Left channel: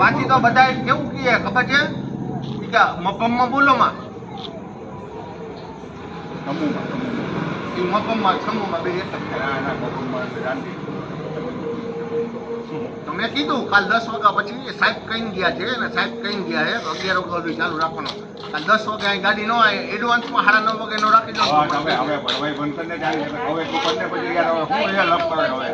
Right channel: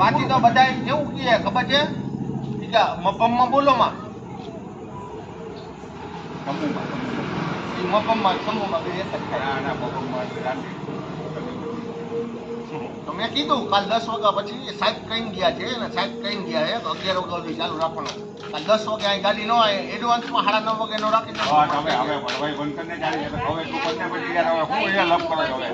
બાકી તો બધા કેવું કહે ખબર છે? કે મફમમાં બોલો માં. મફમમાં સમૂહમાં બે એક જ થાય. ના ના મમ્મીમાં ગાંધી તો મેં કીધું કાલ દસ વાગ્યા પછી સાહેબ કઈ ગયા છે ને સાહેબ કઈ ગયા છે અગિયાર વાગ્યા સુધી ચાલુ રાખવાનો. કાલ દસ વાગે અહીં ગાડી ન આવે એડવાન્સમાં સાડા નવ વાગે નો રાખી દો હા હવે હવે ભણવાઈ બંધ કરીને જાણી હવે તું બંને પછી યાર હવે હું અહીંયા લપ કરે હવે.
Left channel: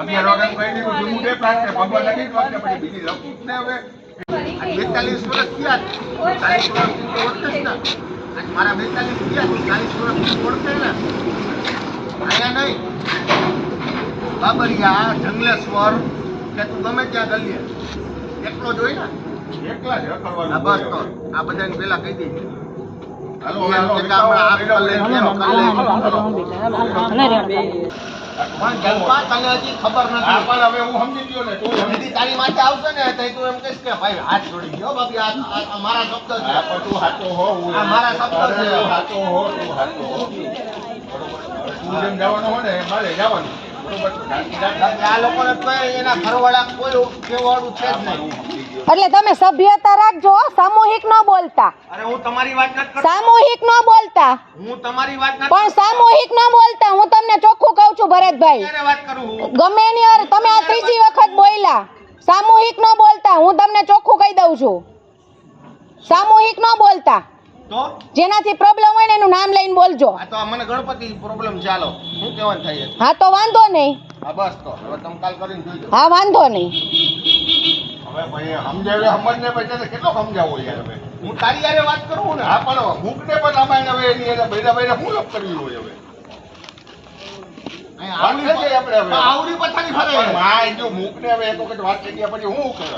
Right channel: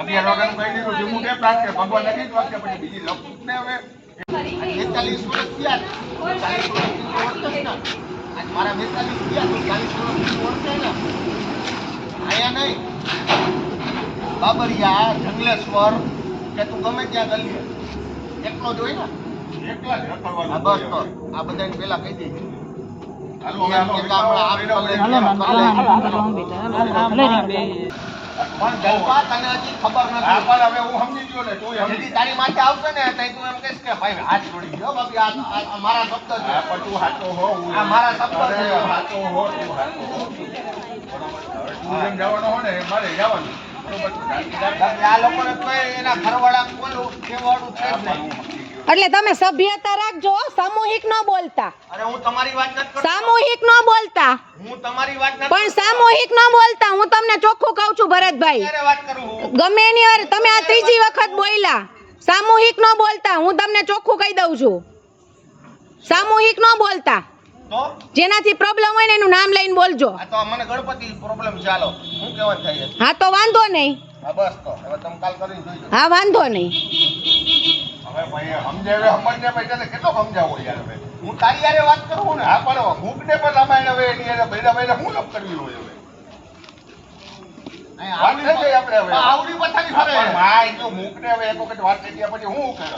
અગિયાર વાગ્યાનું કહી દીધું છે બે પ્લાન છે ભગવાન નથી જ પછી બીજી લપ ને હવે બેતાલીસ વર્ષ થયા ચાલીસ વર્ષથી ઓળખે ને. મારા બેતાલીસ થયા ચાલીસ વર્ષથી ઓળખે ને. અહીંયા નહીં. બાબરિયા જંગલેશ્વર કે તું ગમે ત્યાં ગલીએ. એકલો જ હોય ને? એકલા જ બસ તો. આ બધાને પેલા કહી દેજે. ખબર નથી હવે હું છે પણ એટલે તમે સભ્યતા રાખજો સામૂહિક ન બોલતા. અરે હું તમારી વાત નથી કરતો. સામૂહિક ન બોલતા. હું તમારી વાત નથી પણ સામૂહિક ન બોલતા. હું તમને ચોખ્ખું કહું છું ભરતભાઈ. વાત કરું હું? ગમે એની વાર તમે આ ત્રીજી વખત બોલ્યા. સામૂહિક ન બોલતા. હું તમને ચોખ્ખું કહી દઉં છું. સામૂહિક ન બોલતા. જેનાથી પ્રોબ્લેમ હોય ને એનું નામ લઈને બોલજો. આ તો મને ગણપતિ પ્રોબ્લેમ ચાલો હું કહેવાનું થાય હા તો વાંધો નહીં. હા બસ તો. હવે તમે કાલ કરીને જોઈજો હા વાંધો નહીં. હવે ભાઈ સમજાવે સમજને ભાઈ કેટલો સમજાવો યાર હવે હું તારી યારે વાત કરું ને હા પણ ભૂખને પણ રામાયણ હવે એની એને બૈરા બૈરા હું લપ કરવી હોય હવે. આવડી પથારી ફરે. હા એ જો મૂકને હવે એક વખત વાત થઈ ગયા પછી હું કરે